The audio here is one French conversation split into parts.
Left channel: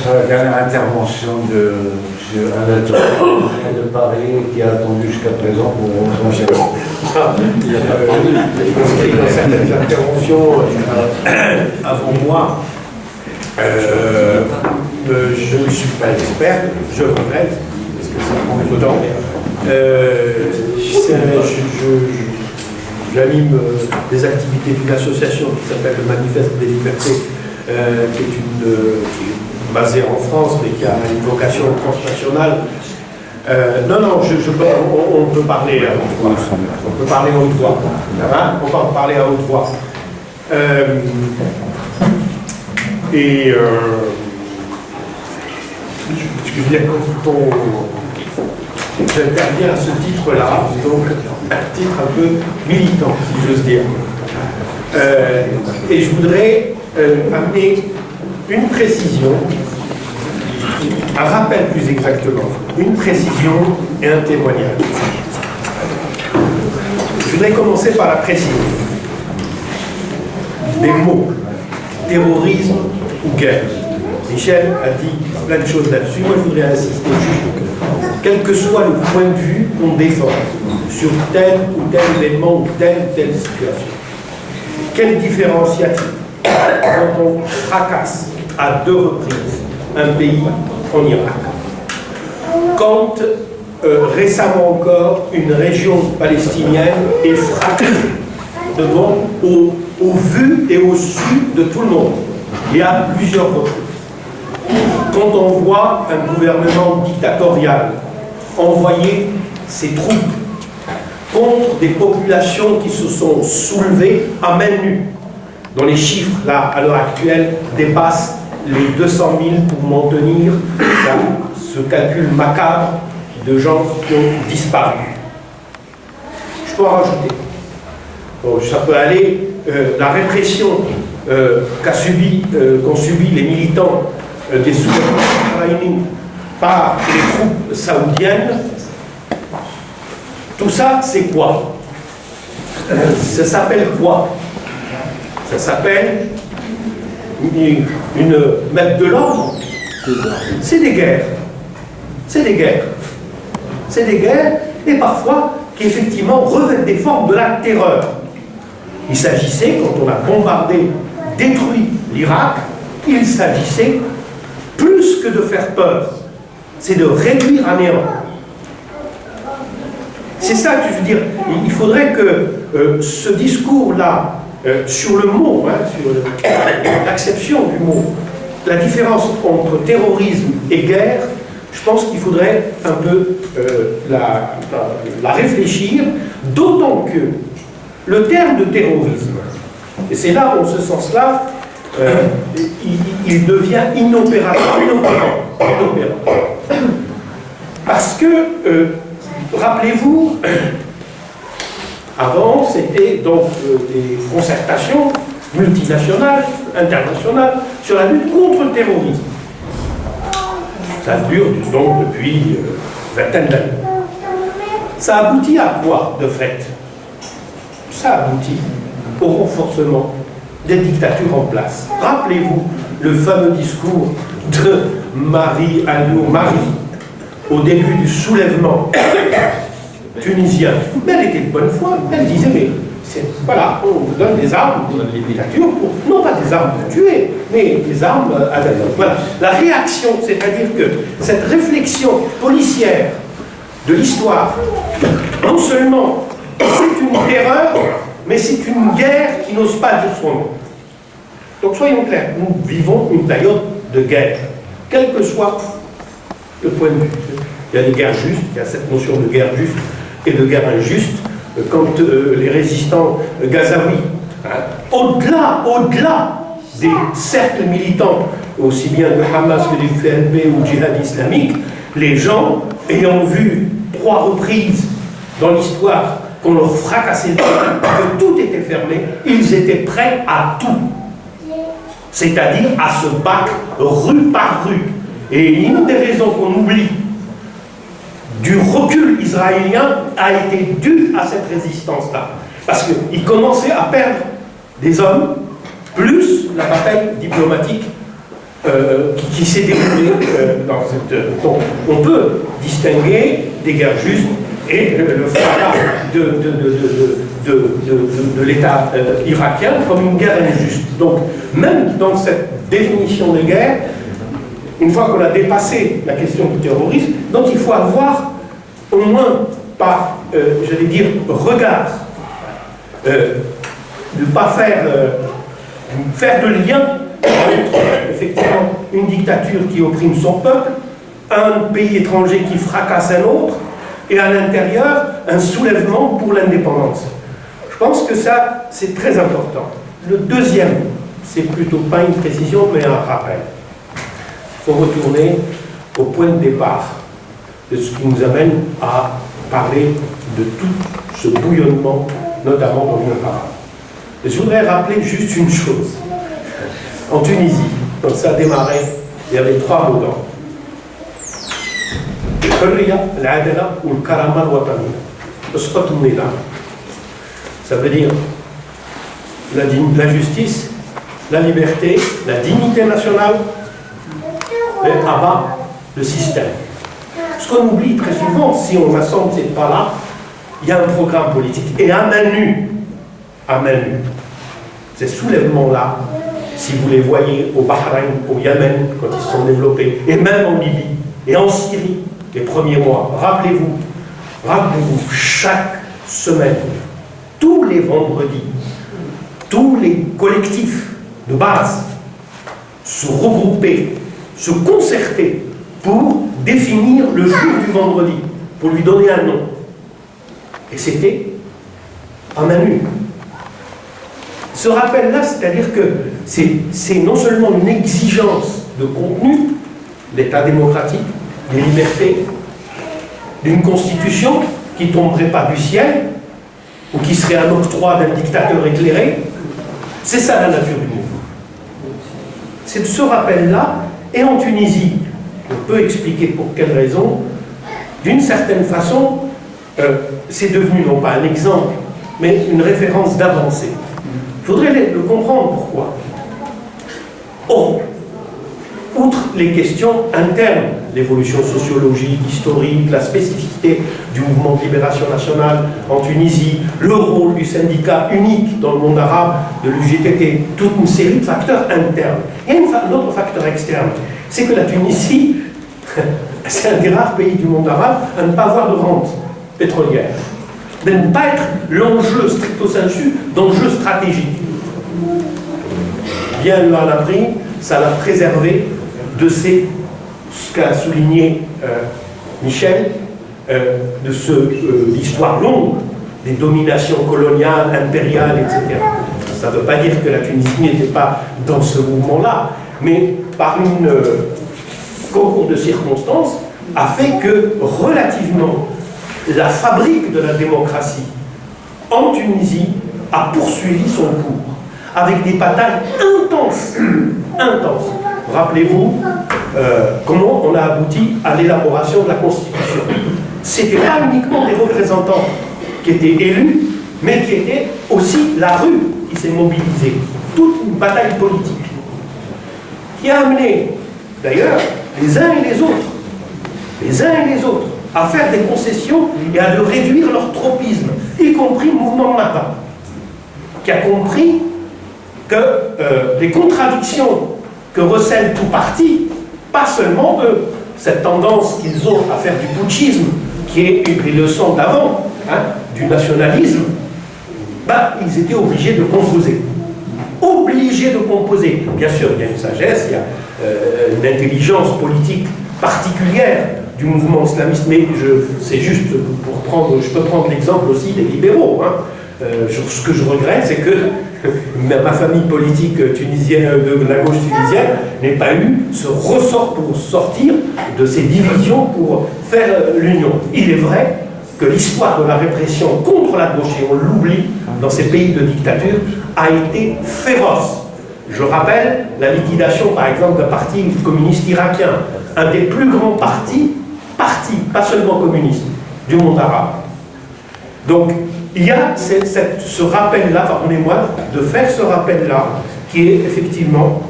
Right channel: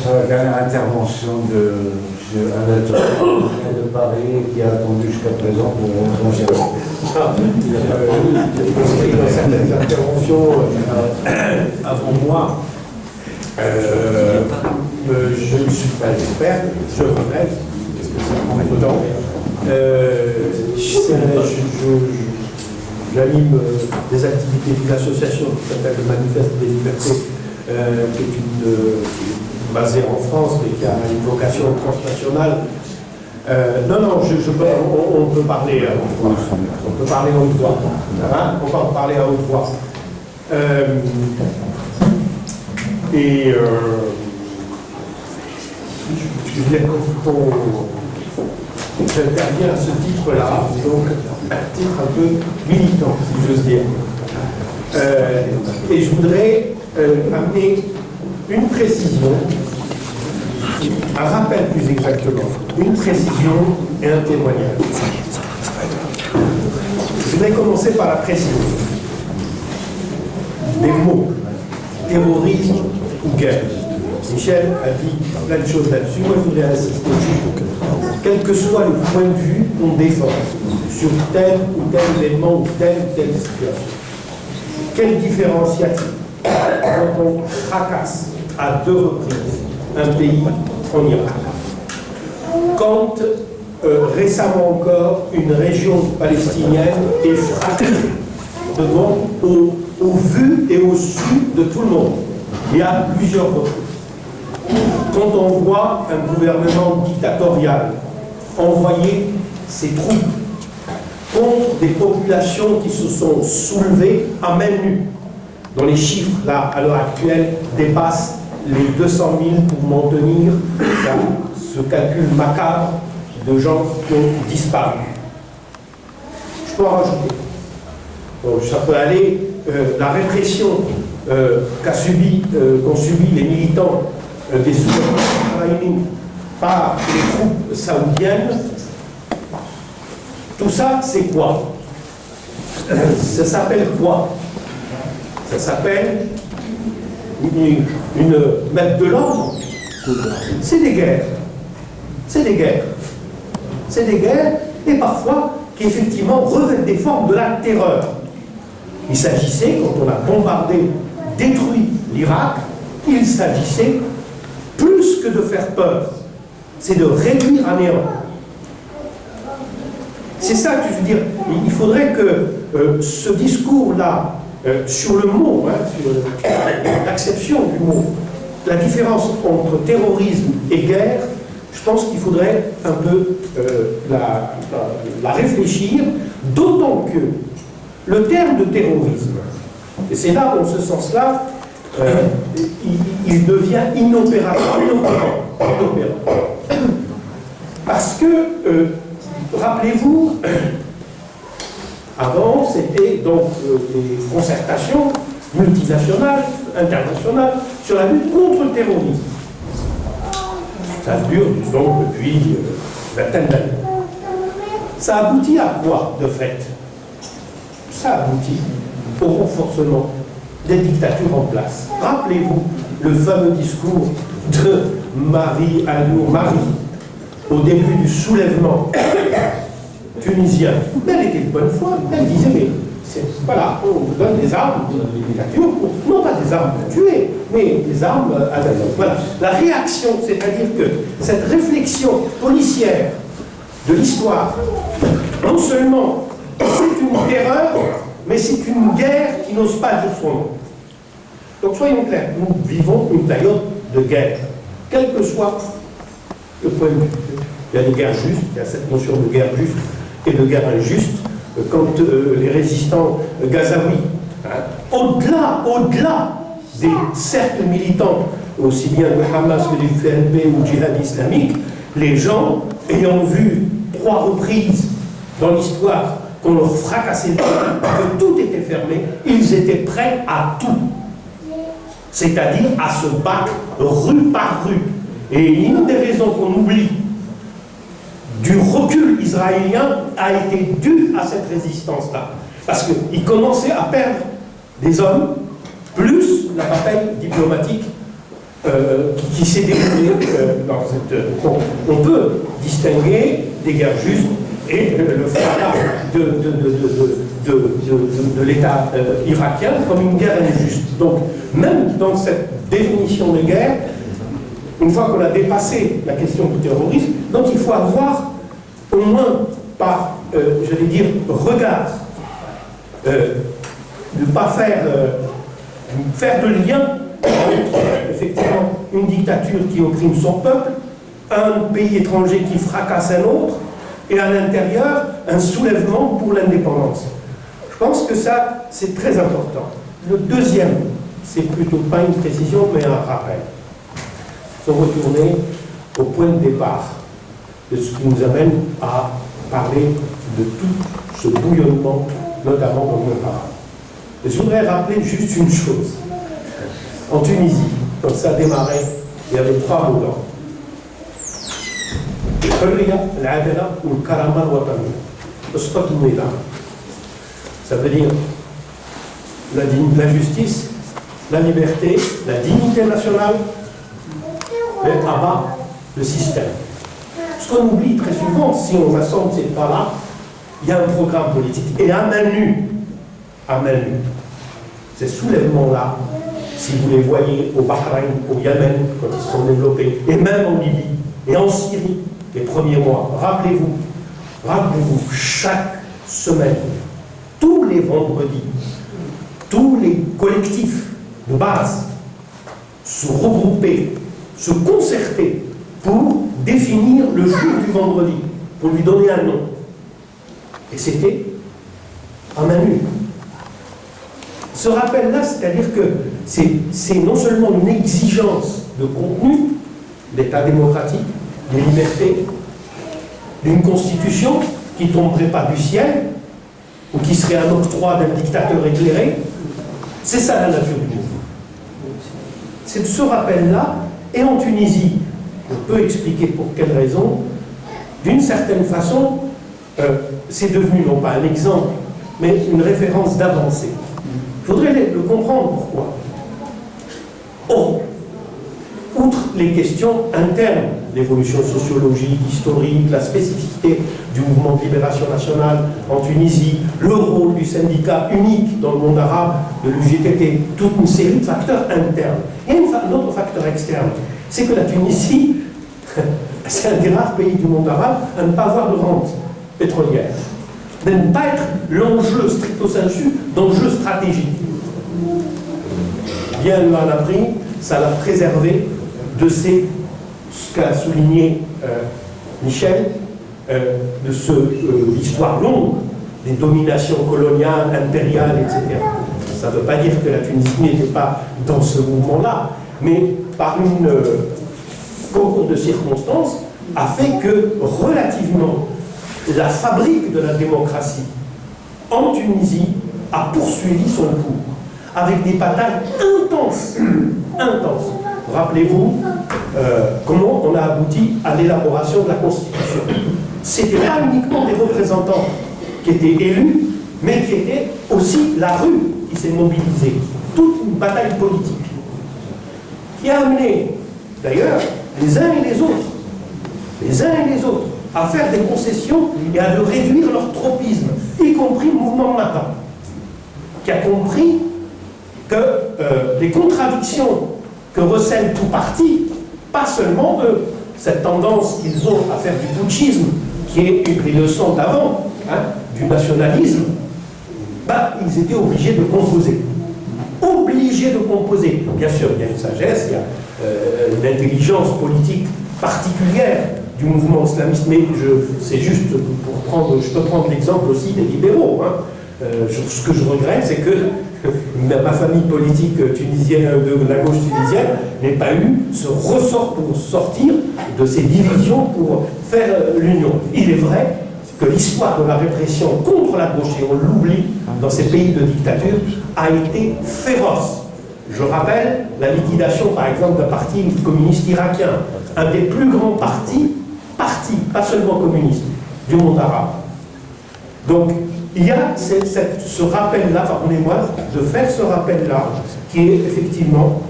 Sur la dernière intervention de M. Anatole de Paris, qui a attendu jusqu'à présent pour dans certaines interventions avant moi, je ne suis pas expert, je regrette, parce que ça prend du temps. J'anime des activités d'une association qui s'appelle le Manifeste des Libertés, qui est basée en France, mais qui a une vocation transnationale. On peut parler à haute voix. On peut parler à haute voix. Hein? On va parler à haute voix. Excusez-moi, quand j'interviens à ce titre-là, donc un titre un peu militant, si j'ose dire. Et je voudrais amener une précision, un rappel plus exactement, une précision et un témoignage. Je voudrais commencer par la précision. Des mots, terrorisme ou guerre. Michel a dit plein de choses là-dessus. Moi, je voudrais insister juste, quel que soit le point de vue qu'on défend sur tel ou tel événement ou telle situation. Quelle différence y a-t-il quand on fracasse à 2 reprises un pays en Irak? Quand récemment encore une région palestinienne est fracassée devant au vu et au su de tout le monde, il y a plusieurs reprises. Quand on voit un gouvernement dictatorial envoyer ses troupes contre des populations qui se sont soulevées à main nue, dont les chiffres, là, à l'heure actuelle, dépassent les 200 000 pour maintenir ce calcul macabre de gens qui ont disparu. Je peux en rajouter. Bon, ça peut aller, la répression qu'ont subi les militants des soulèvements par les troupes saoudiennes. Tout ça, c'est quoi? Ça s'appelle quoi? Ça s'appelle mettre de l'ordre. C'est des guerres. C'est des guerres. C'est des guerres, et parfois, qui effectivement revêtent des formes de la terreur. Il s'agissait, quand on a bombardé, détruit l'Irak, il s'agissait plus que de faire peur, c'est de réduire à néant. C'est ça que je veux dire. Il faudrait que ce discours-là, sur le mot, hein, sur l'acception du mot, la différence entre terrorisme et guerre, je pense qu'il faudrait un peu la réfléchir, d'autant que le terme de terrorisme, et c'est là, en ce sens-là, il devient inopérant. Parce que, rappelez-vous, avant, c'était donc des concertations multinationales, internationales, sur la lutte contre le terrorisme. Ça dure donc depuis vingtaine d'années. Ça aboutit à quoi, de fait? Ça aboutit au renforcement des dictatures en place. Rappelez-vous le fameux discours de Marie Alioune au début du soulèvement tunisien. Mais elle était de bonne foi. Elle disait, mais voilà, on vous donne des armes, on vous donne des dictatures, non pas des armes pour tuer, mais des armes à la langue. Voilà. La réaction, c'est-à-dire que cette réflexion policière de l'histoire, non seulement c'est une terreur, mais c'est une guerre qui n'ose pas dire son nom. Donc soyons clairs, nous vivons une période de guerre, quel que soit le point de vue. Il y a des guerres justes, il y a cette notion de guerre juste et de guerre injuste, quand les résistants gazaouis, hein, au-delà des cercles militants, aussi bien de Hamas que du FLP ou du djihad islamique, les gens, ayant vu 3 reprises dans l'histoire qu'on leur fracassait le terrain, que tout était fermé, ils étaient prêts à tout. C'est-à-dire à se battre rue par rue. Et une des raisons qu'on oublie du recul israélien a été due à cette résistance-là. Parce qu'ils commençaient à perdre des hommes, plus la bataille diplomatique qui s'est déroulée dans cette... Donc, on peut distinguer des guerres justes et le fracas de l'État irakien comme une guerre injuste. Donc, même dans cette définition de guerre, une fois qu'on a dépassé la question du terrorisme, donc il faut avoir au moins par, j'allais dire, regard, de ne pas faire de lien entre effectivement une dictature qui opprime son peuple, un pays étranger qui fracasse un autre, et à l'intérieur, un soulèvement pour l'indépendance. Je pense que ça, c'est très important. Le deuxième, c'est plutôt pas une précision, mais un rappel. Il faut retourner au point de départ de ce qui nous amène à parler de tout ce bouillonnement, notamment dans le monde arabe. Et je voudrais rappeler juste une chose. En Tunisie, quand ça a démarré, il y avait 3 mots d'ordre. ou le karama al-wataniya. Ça veut dire la justice, la liberté, la dignité nationale, et abat le système. Ce qu'on oublie très souvent, si on assemble ces pas-là, il y a un programme politique. Et à main nue, ces soulèvements-là, si vous les voyez au Bahreïn, au Yémen, quand ils se sont développés, et même en Libye, et en Syrie, les premiers mois, rappelez-vous, chaque semaine, tous les vendredis, tous les collectifs de base se regroupaient, se concertaient pour définir le jour du vendredi, pour lui donner un nom. Et c'était à main nue. Ce rappel-là, c'est-à-dire que c'est non seulement une exigence de contenu, d'État démocratique, des libertés, d'une constitution qui ne tomberait pas du ciel, ou qui serait un octroi d'un dictateur éclairé. C'est ça la nature du mouvement. C'est ce rappel-là, et en Tunisie, on peut expliquer pour quelle raison, d'une certaine façon, c'est devenu non pas un exemple, mais une référence d'avancée. Il faudrait le comprendre pourquoi. Or, outre les questions internes, l'évolution sociologique, historique, la spécificité du mouvement de libération nationale en Tunisie, le rôle du syndicat unique dans le monde arabe, de l'UGTT, toute une série de facteurs internes. Il y a un autre facteur externe, c'est que la Tunisie, c'est un des rares pays du monde arabe à ne pas avoir de rente pétrolière, de ne pas être l'enjeu stricto sensu d'enjeu stratégique. Bien le Hanabri, ça l'a préservé de ce qu'a souligné Michel, de l'histoire longue des dominations coloniales, impériales, etc. Ça ne veut pas dire que la Tunisie n'était pas dans ce mouvement-là, mais par une concours de circonstances a fait que relativement la fabrique de la démocratie en Tunisie a poursuivi son cours avec des batailles intenses. Rappelez-vous comment on a abouti à l'élaboration de la Constitution. C'était pas uniquement des représentants qui étaient élus, mais qui était aussi la rue qui s'est mobilisée. Toute une bataille politique qui a amené, d'ailleurs, les uns et les autres, à faire des concessions et à de réduire leur tropisme, y compris le mouvement Mata, qui a compris que les contradictions que recèle tout parti, pas seulement eux, cette tendance qu'ils ont à faire du putschisme, qui est une des leçons d'avant, du nationalisme, ils étaient obligés de composer. Bien sûr, il y a une sagesse, il y a une intelligence politique particulière du mouvement islamiste, mais c'est juste pour prendre, je peux prendre l'exemple aussi des libéraux. Ce que je regrette, c'est que ma famille politique tunisienne, de la gauche tunisienne, n'ait pas eu ce ressort pour sortir de ces divisions pour faire l'union. Il est vrai que l'histoire de la répression contre la gauche, et on l'oublie dans ces pays de dictature, a été féroce. Je rappelle la liquidation, par exemple, d'un parti communiste irakien, un des plus grands partis, pas seulement communiste, du monde arabe. Donc, il y a ce rappel-là, pardonnez-moi, de faire ce rappel-là, qui est effectivement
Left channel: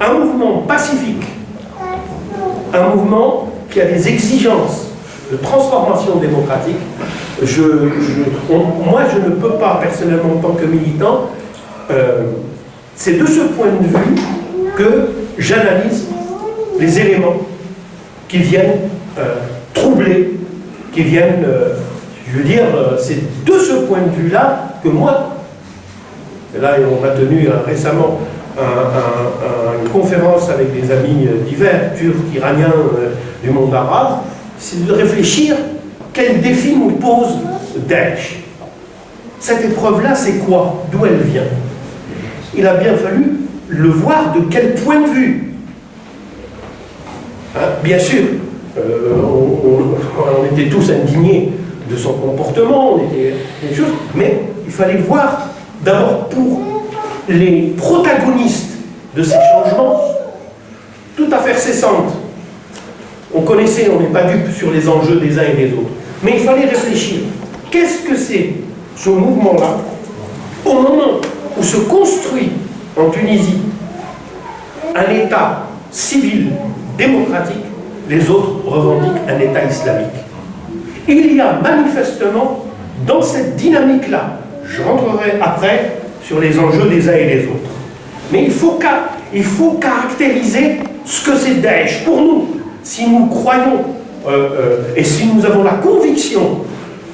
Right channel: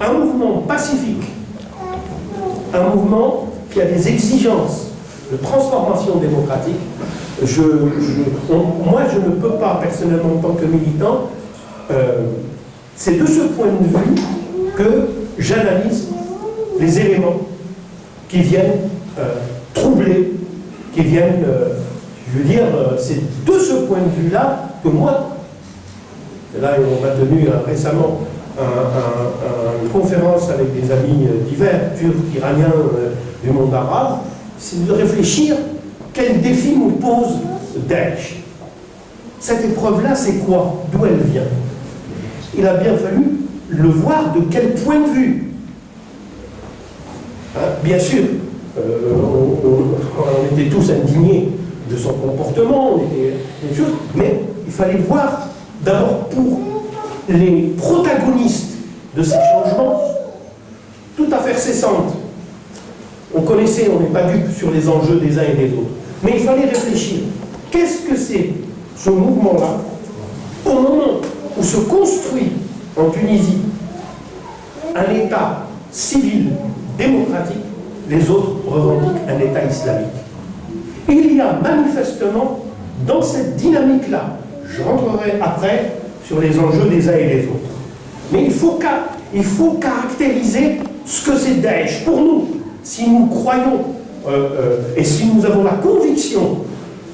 un mouvement pacifique, un mouvement qui a des exigences de transformation démocratique, moi je ne peux pas personnellement en tant que militant, c'est de ce point de vue que j'analyse les éléments qui viennent troubler, qui viennent, je veux dire, c'est de ce point de vue-là que moi, et là on a tenu récemment une conférence avec des amis divers, turcs, iraniens, du monde arabe, c'est de réfléchir quel défi nous pose Daesh. Cette épreuve-là, c'est quoi? D'où elle vient? Il a bien fallu le voir de quel point de vue. Hein, bien sûr, on était tous indignés de son comportement, on était des choses, mais il fallait voir d'abord pour les protagonistes de ces changements, toute affaire cessante. On connaissait, on n'est pas dupe sur les enjeux des uns et des autres. Mais il fallait réfléchir. Qu'est-ce que c'est ce mouvement-là au moment où se construit en Tunisie un État civil, démocratique, les autres revendiquent un État islamique. Il y a manifestement dans cette dynamique-là, je rentrerai après sur les enjeux des uns et des autres, mais il faut caractériser ce que c'est Daesh. Pour nous, si nous croyons et si nous avons la conviction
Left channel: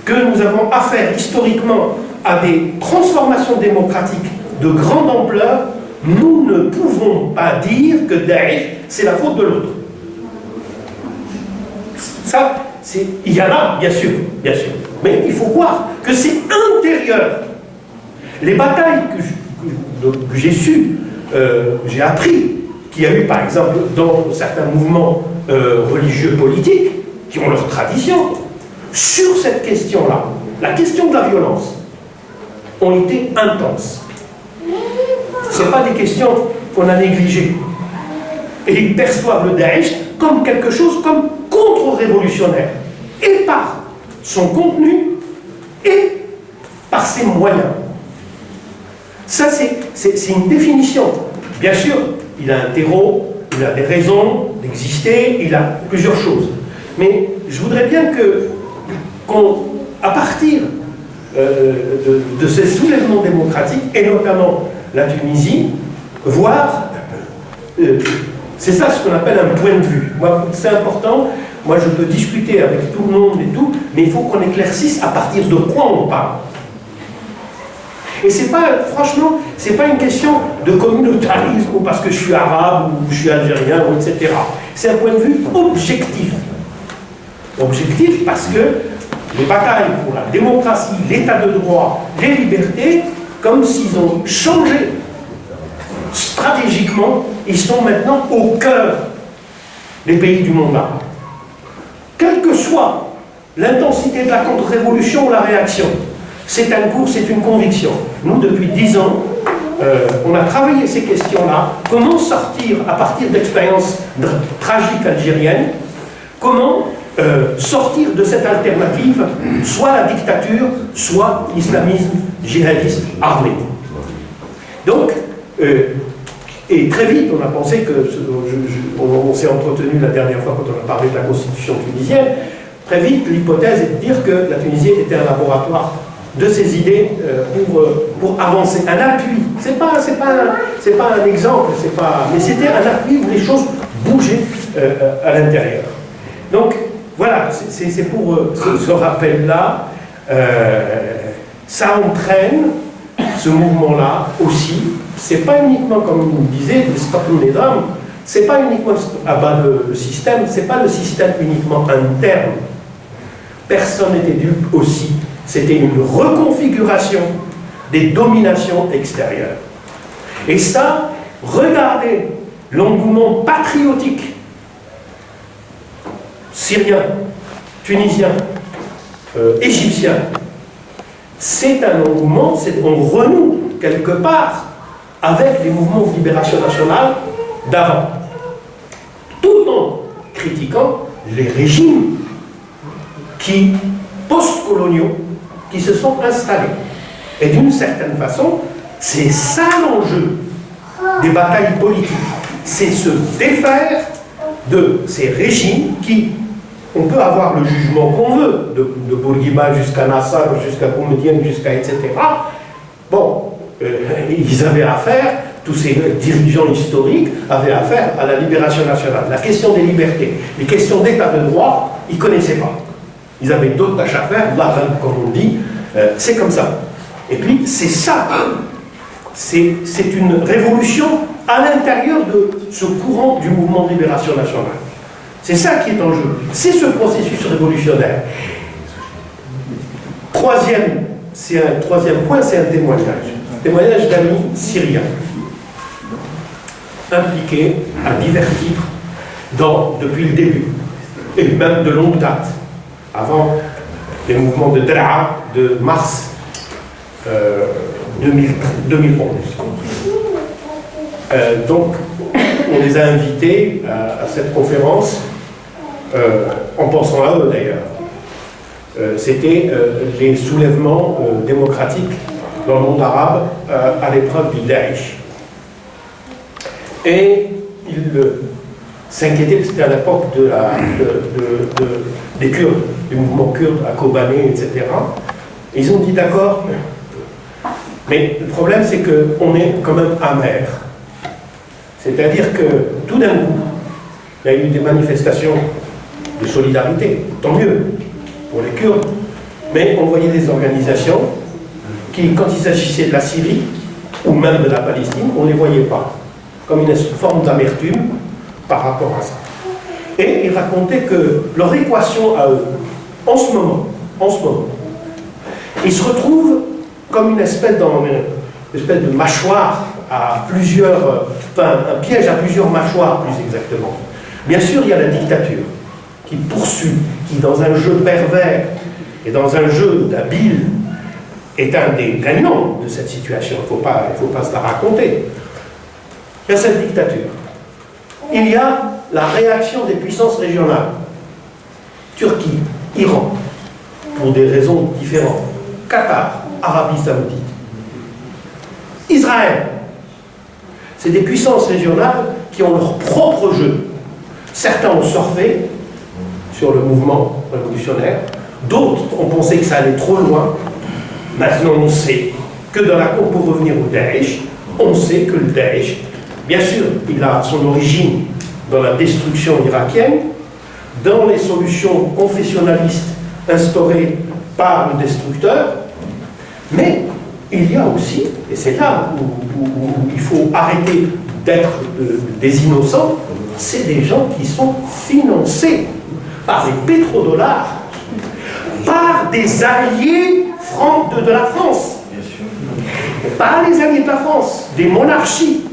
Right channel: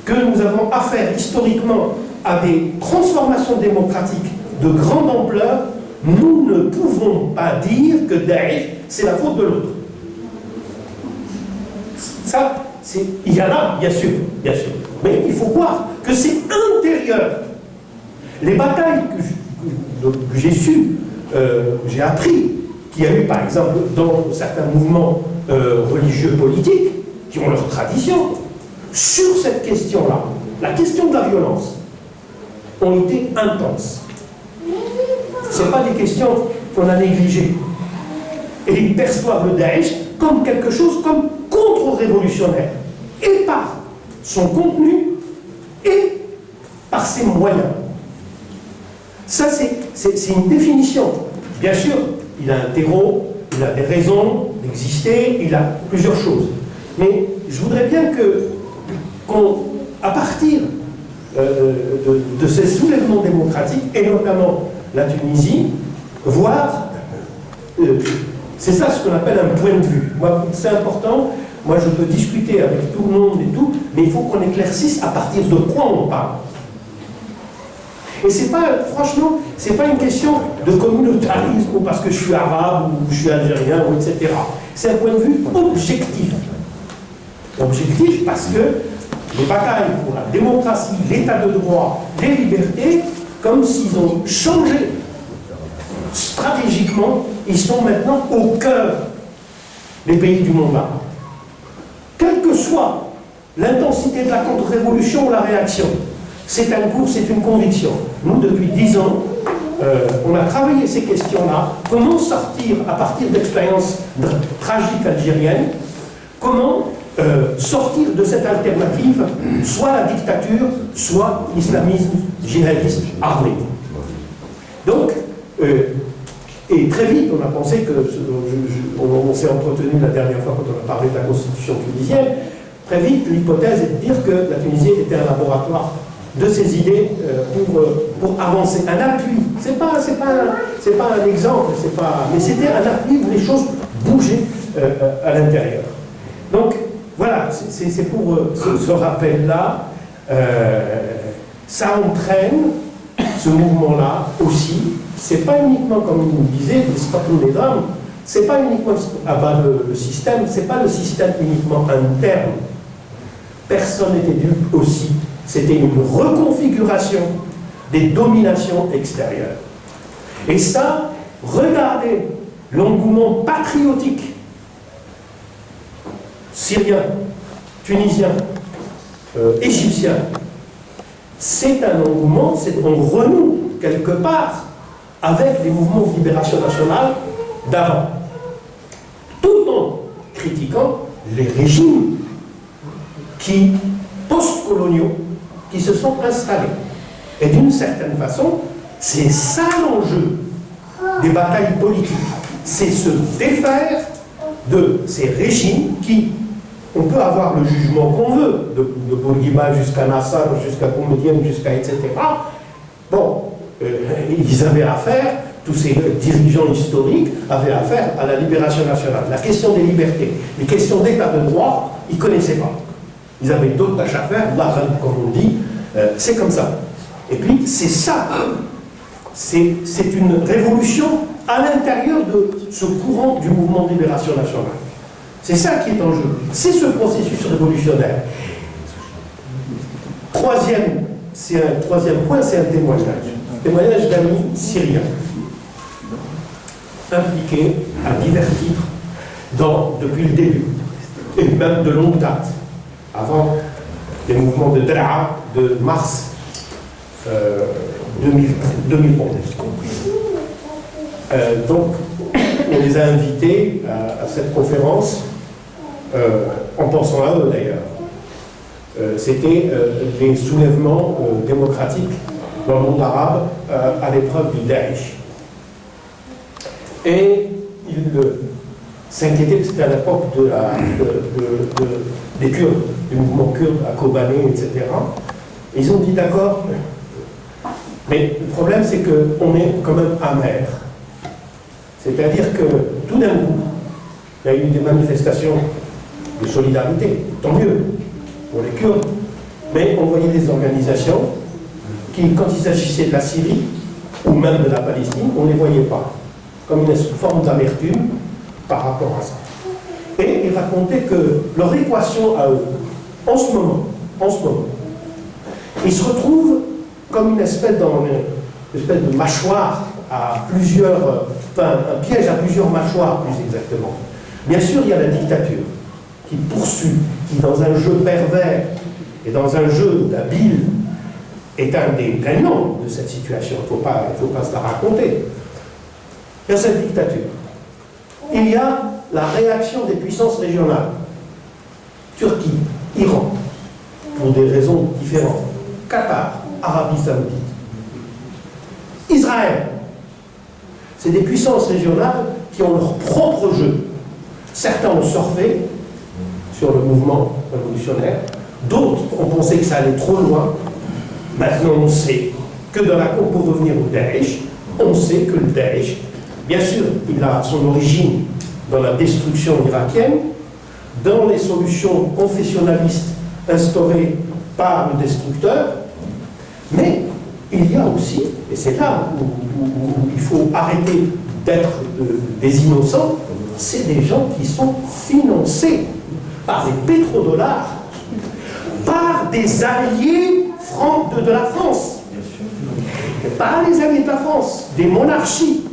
que nous avons affaire historiquement à des transformations démocratiques de grande ampleur, nous ne pouvons pas dire que Daesh, c'est la faute de l'autre. Ça, il y en a, bien sûr, mais il faut voir que c'est intérieur. Les batailles que j'ai su, j'ai appris qu'il y a eu, par exemple, dans certains mouvements religieux politiques, qui ont leur tradition, sur cette question-là, la question de la violence, ont été intenses. Ce n'est pas des questions qu'on a négligées. Et ils perçoivent le Daesh comme quelque chose comme contre-révolutionnaire, et par son contenu, et par ses moyens. Ça, c'est une définition. Bien sûr, il a un terreau, il a des raisons d'exister, il a plusieurs choses. Mais je voudrais bien à partir de ces soulèvements démocratiques, et notamment la Tunisie, voir, c'est ça ce qu'on appelle un point de vue. Moi, c'est important, moi je peux discuter avec tout le monde et tout, mais il faut qu'on éclaircisse à partir de quoi on parle. Et c'est pas, franchement, c'est pas une question de communautarisme ou parce que je suis arabe ou je suis algérien, ou etc. C'est un point de vue objectif. Objectif parce que les batailles pour la démocratie, l'état de droit, les libertés, comme s'ils ont changé stratégiquement, ils sont maintenant au cœur des pays du monde arabe. Quelle que soit l'intensité de la contre-révolution ou la réaction, c'est un cours, c'est une conviction. Nous, depuis 10 ans, on a travaillé ces questions-là. Comment sortir, à partir d'expériences tragiques algériennes, comment sortir de cette alternative, soit la dictature, soit l'islamisme djihadiste armé. Donc, et très vite, on a pensé que, on s'est entretenu la dernière fois quand on a parlé de la constitution tunisienne, très vite, l'hypothèse est de dire que la Tunisie était un laboratoire de ces idées pour avancer. Un appui, c'est pas un exemple, mais c'était un appui où les choses bougeaient à l'intérieur. Donc, voilà, c'est pour ce rappel-là. Ça entraîne ce mouvement-là aussi. C'est pas uniquement, comme on disait, le stop mesdames, c'est pas uniquement abattre le système, c'est pas le système uniquement interne. Personne n'était dupe aussi. C'était une reconfiguration des dominations extérieures. Et ça, regardez l'engouement patriotique syrien, tunisien, égyptien. C'est un engouement, on renoue quelque part avec les mouvements de libération nationale d'avant, tout en critiquant les régimes post-coloniaux qui se sont installés. Et d'une certaine façon, c'est ça l'enjeu des batailles politiques. c'est se défaire de ces régimes qui, on peut avoir le jugement qu'on veut, de Bourguiba jusqu'à Nassar, jusqu'à Boumedienne, jusqu'à etc. Bon, ils avaient affaire, tous ces dirigeants historiques avaient affaire à la libération nationale. La question des libertés, les questions d'état de droit, ils ne connaissaient pas. Ils avaient d'autres tâches à faire, là, comme on dit, c'est comme ça. Et puis, c'est ça, c'est une révolution à l'intérieur de ce courant du mouvement de libération nationale. C'est ça qui est en jeu. C'est ce processus révolutionnaire. Troisième point, c'est un témoignage. Témoignage d'amis syriens, impliqués à divers titres depuis le début, et même de longue date, avant les mouvements de Draa de mars 2011. Donc, on les a invités à cette conférence, en pensant à eux d'ailleurs. C'était les soulèvements démocratiques dans le monde arabe à l'épreuve du Daesh. Et ils s'inquiétaient, c'était à l'époque des Kurdes, du mouvement kurde à Kobané, etc. Et ils ont dit d'accord, mais le problème c'est qu'on est quand même amer. C'est-à-dire que tout d'un coup, il y a eu des manifestations de solidarité, tant mieux pour les Kurdes, mais on voyait des organisations qui, quand il s'agissait de la Syrie, ou même de la Palestine, on ne les voyait pas, comme une forme d'amertume par rapport à ça. Et ils racontaient que leur équation à eux, en ce moment, ils se retrouvent comme une espèce de mâchoire à plusieurs, enfin un piège à plusieurs mâchoires plus exactement. Bien sûr, il y a la dictature qui poursuit, qui dans un jeu pervers et dans un jeu d'habile est un des gagnants de cette situation. Il ne faut pas se la raconter. Il y a cette dictature. Il y a la réaction des puissances régionales. Turquie, Iran, pour des raisons différentes. Qatar, Arabie Saoudite. Israël. C'est des puissances régionales qui ont leur propre jeu. Certains ont surfé sur le mouvement révolutionnaire. D'autres ont pensé que ça allait trop loin. Maintenant, on sait que pour revenir au Daesh, on sait que le Daesh, bien sûr, il a son origine dans la destruction irakienne, dans les solutions confessionnalistes instaurées par le destructeur, mais il y a aussi, et c'est là où il faut arrêter d'être des innocents, c'est des gens qui sont financés par des pétrodollars, par des alliés de la France, par les alliés de la France, des monarchies.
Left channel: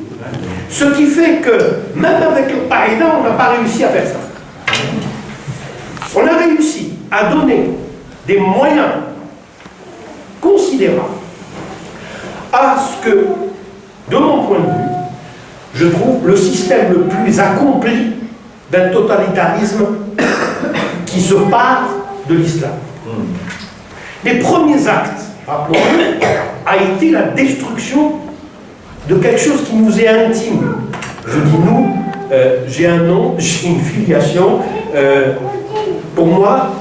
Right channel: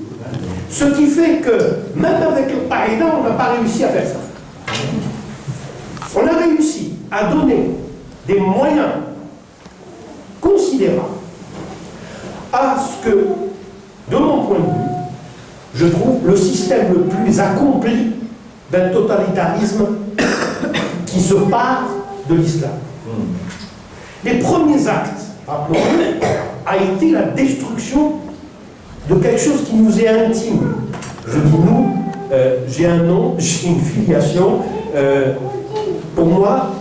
Ce qui fait que, même avec le Qaïda, on n'a pas réussi à faire ça. On a réussi à donner des moyens considérables à ce que, de mon point de vue, je trouve le système le plus accompli d'un totalitarisme qui se part de l'islam. Les premiers actes, rappelons-le, a été la destruction de quelque chose qui nous est intime. Je dis nous, j'ai un nom, j'ai une filiation. Pour moi,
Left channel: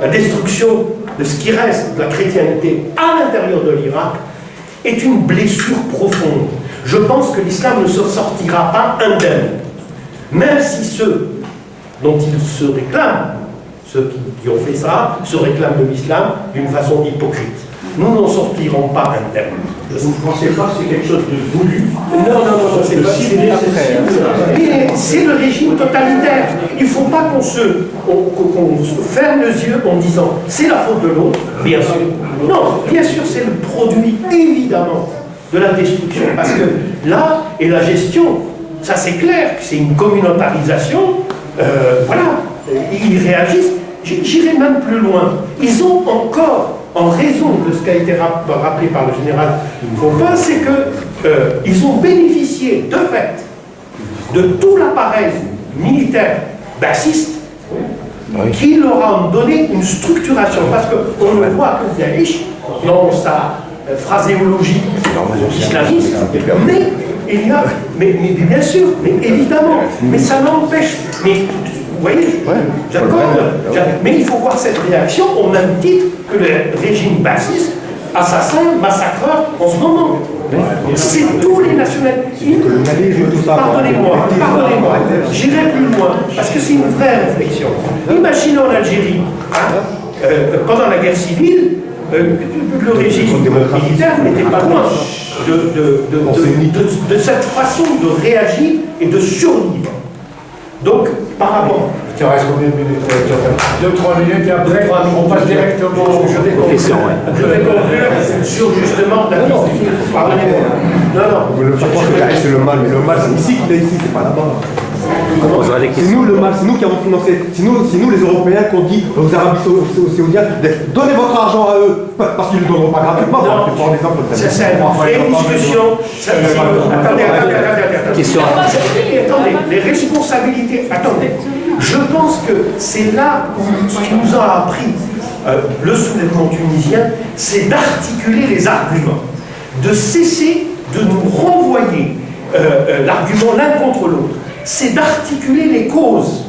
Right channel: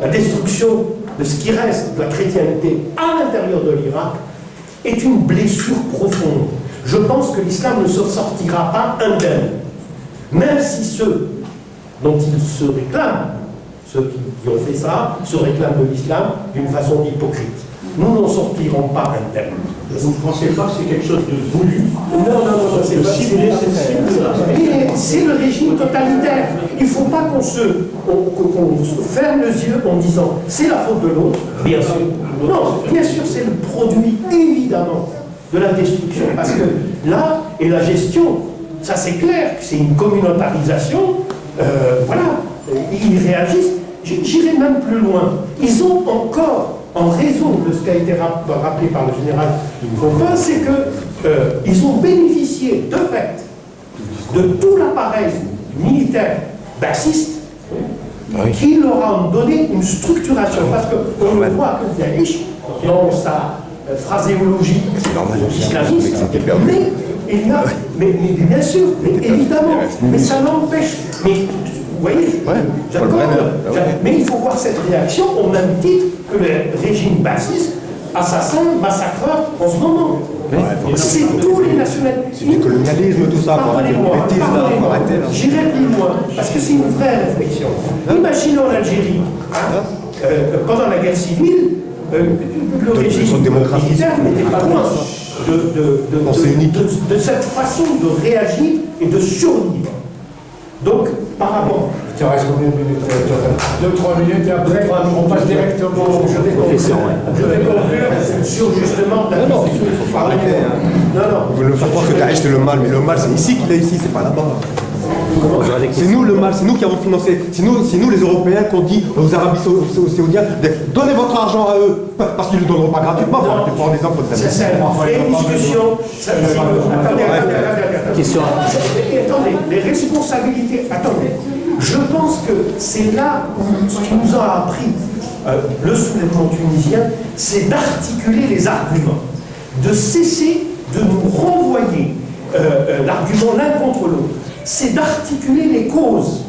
la destruction de ce qui reste de la chrétienté à l'intérieur de l'Irak est une blessure profonde. Je pense que l'islam ne se sortira pas indemne, même si ceux dont il se réclament, ceux qui ont fait ça, se réclament de l'islam d'une façon hypocrite. Nous n'en sortirons pas indemnes. Vous ne pensez pas que c'est quelque chose de voulu? Non, c'est pas. C'est le régime totalitaire. Il ne faut pas qu'on se ferme les yeux en disant c'est la faute de l'autre, bien sûr. Non, bien sûr, c'est le produit, évidemment, de la destruction. Parce que là, et la gestion, ça c'est clair, c'est une communautarisation. Voilà, ils réagissent. J'irai même plus loin. Ils ont encore, en raison de ce qui a été rappelé par le général Faupin, c'est qu'ils ont bénéficié de fait de tout l'appareil militaire bassiste qui leur a donné une structuration. Parce qu'on le voit que Daesh, dans sa phraséologie islamiste, met il y a, mais bien sûr, mais évidemment, mais ça n'empêche, mais vous voyez, j'accorde, mais il faut voir cette réaction au même titre que le régime bassiste, assassin, massacreur en ce moment. C'est tous les nationalistes. Le colonialisme, tout ça. Pardonnez-moi, j'irai plus loin, parce que c'est une vraie réflexion. Imaginons l'Algérie, pendant la guerre civile, le régime militaire n'était pas loin de cette façon de réagir et de survivre. Donc, par rapport... Il te reste combien de minutes? 2-3 minutes et après, on passe directement au jeu des conclusions. Je vais conclure sur justement la question. Non. Vous voulez faire croire que Daesh c'est le mal, mais le mal c'est ici qu'il est ici, c'est pas là-bas. C'est nous le mal, c'est nous qui avons financé, c'est nous les Européens qui ont dit aux Arabes Saoudiens, donnez votre argent à eux, parce qu'ils ne le donneront pas gratuitement, non, pour des exemples comme ça. C'est une discussion. Attendez. Attendez, les responsabilités. Attendez. Je pense que c'est là où ce qui nous a appris le soulèvement tunisien, c'est d'articuler les arguments, de cesser de nous renvoyer l'argument l'un contre l'autre. C'est d'articuler les causes.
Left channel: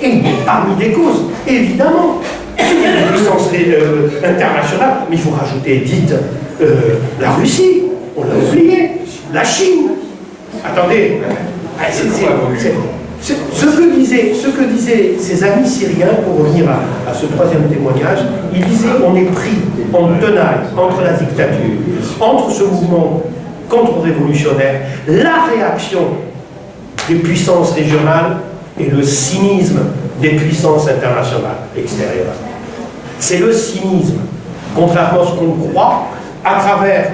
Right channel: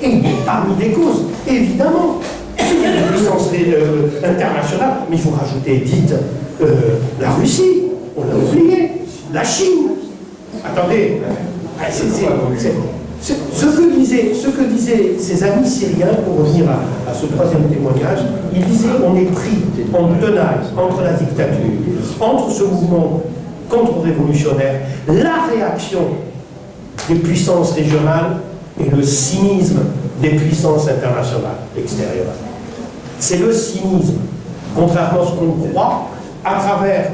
Et parmi les causes, évidemment, il y a des puissances internationales, mais il faut rajouter, dites, la Russie, on l'a oublié, la Chine. Attendez, ce que disaient ces amis syriens, pour revenir à ce troisième témoignage, ils disaient on est pris en tenaille entre la dictature, entre ce mouvement contre-révolutionnaire, la réaction des puissances régionales et le cynisme des puissances internationales extérieures. C'est le cynisme, contrairement à ce qu'on croit, à travers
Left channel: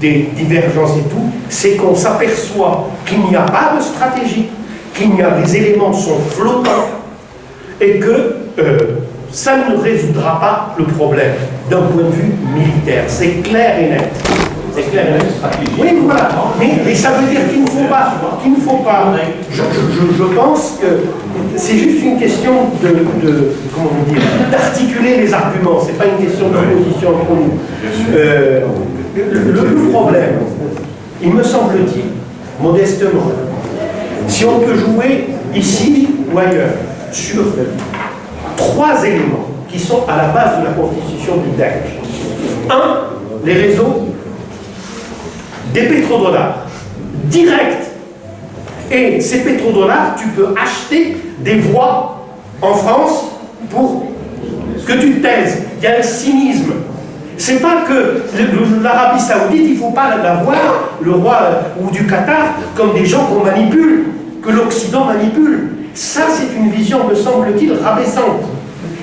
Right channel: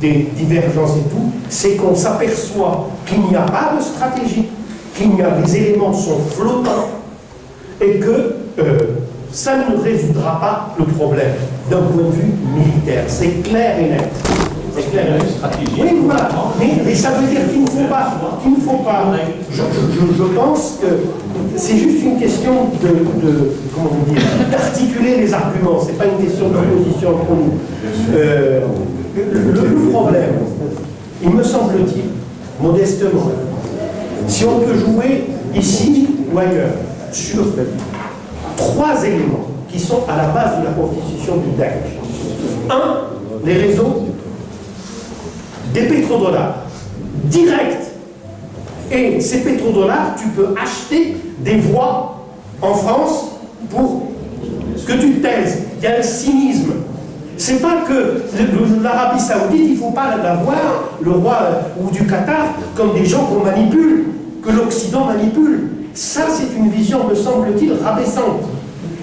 des divergences et tout, c'est qu'on s'aperçoit qu'il n'y a pas de stratégie, les éléments sont flottants et que ça ne résoudra pas le problème d'un point de vue militaire. C'est clair et net. C'est clair et net. Oui, voilà. Mais ça veut dire qu'il ne faut pas. Je pense que c'est juste une question comment vous dire, d'articuler les arguments. C'est pas une question d'opposition entre nous. Le problème, il me semble-t-il, modestement, si on peut jouer ici ou ailleurs sur 3 éléments qui sont à la base de la constitution du Daesh. 1, les réseaux des pétrodollars directs. Et ces pétrodollars, tu peux acheter des voix en France pour que tu te taises. Il y a un cynisme. C'est pas que l'Arabie Saoudite, il ne faut pas la voir, le roi ou du Qatar, comme des gens qu'on manipule, que l'Occident manipule. Ça, c'est une vision, me semble-t-il, rabaissante.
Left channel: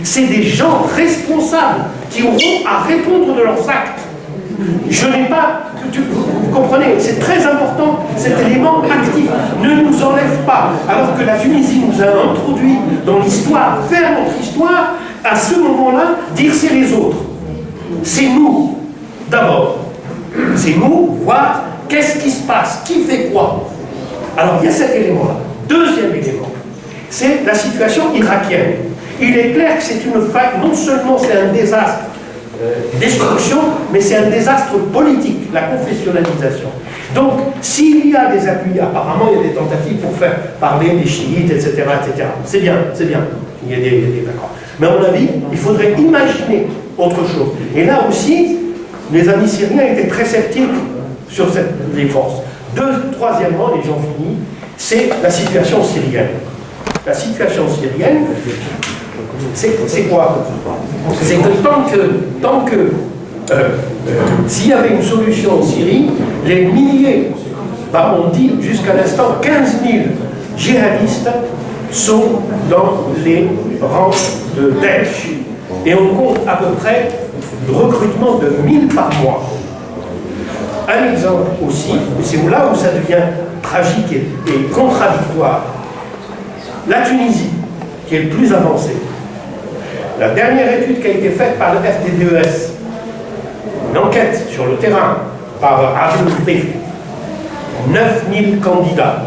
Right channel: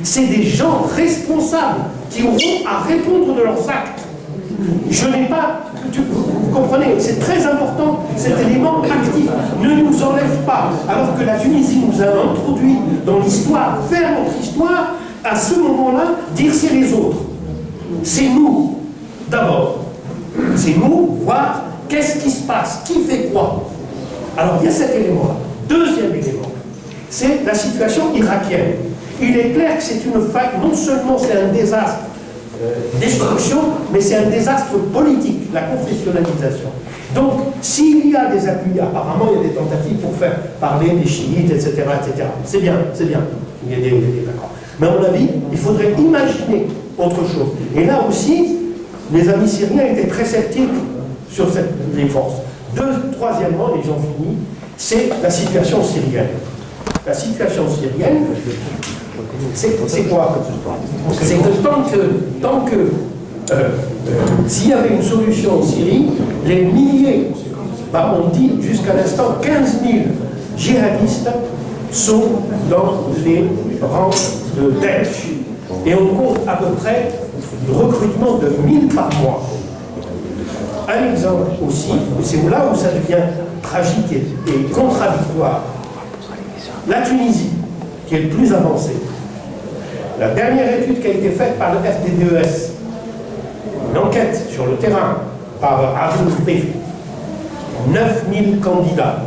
C'est des gens responsables qui auront à répondre de leurs actes. Je n'ai pas... Vous comprenez, c'est très important, cet élément actif. Ne nous enlève pas. Alors que la Tunisie nous a introduit dans l'histoire, vers notre histoire, à ce moment-là, dire c'est les autres. C'est nous, d'abord. C'est nous, voir qu'est-ce qui se passe, qui fait quoi. Alors, il y a cet élément-là. Deuxième élément, c'est la situation irakienne. Il est clair que c'est une faille, non seulement c'est un désastre, destruction, mais c'est un désastre politique, la confessionnalisation. Donc, s'il y a des appuis, apparemment il y a des tentatives pour faire parler des chiites, etc., etc. C'est bien, il y a des accords. Mais à mon avis, il faudrait imaginer autre chose. Et là aussi, les amis syriens étaient très sceptiques sur les forces. Troisièmement, et j'en finis, c'est la situation syrienne. La situation syrienne, c'est quoi? C'est que tant que s'il y avait une solution en Syrie, les milliers, on dit jusqu'à l'instant 15 000 djihadistes sont dans les rangs de Daesh. Et on compte à peu près le recrutement de 1000 par mois. Un exemple aussi, et c'est là où ça devient tragique et contradictoire. La Tunisie, qui est le plus avancé. La dernière étude qui a été faite par le FDDES, une enquête sur le terrain par Adil Fif, 9000 candidats,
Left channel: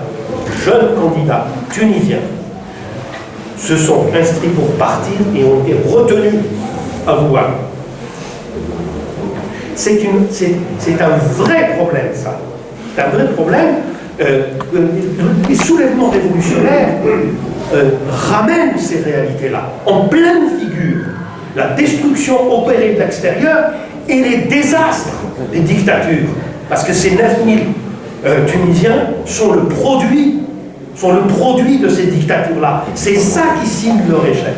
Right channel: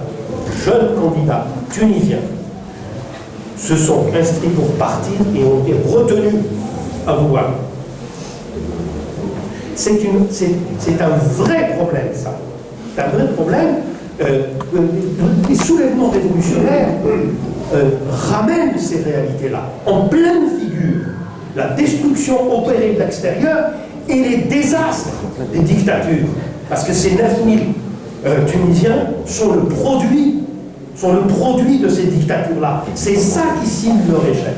jeunes candidats tunisiens, se sont inscrits pour partir et ont été retenus à Wuhan. C'est un vrai problème, ça. C'est un vrai problème les soulèvements révolutionnaires ramènent ces réalités-là en pleine figure. La destruction opérée de l'extérieur et les désastres des dictatures. Parce que ces 9000 Tunisiens sont le produit de ces dictatures-là. C'est ça qui signe leur échec.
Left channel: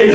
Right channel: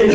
Et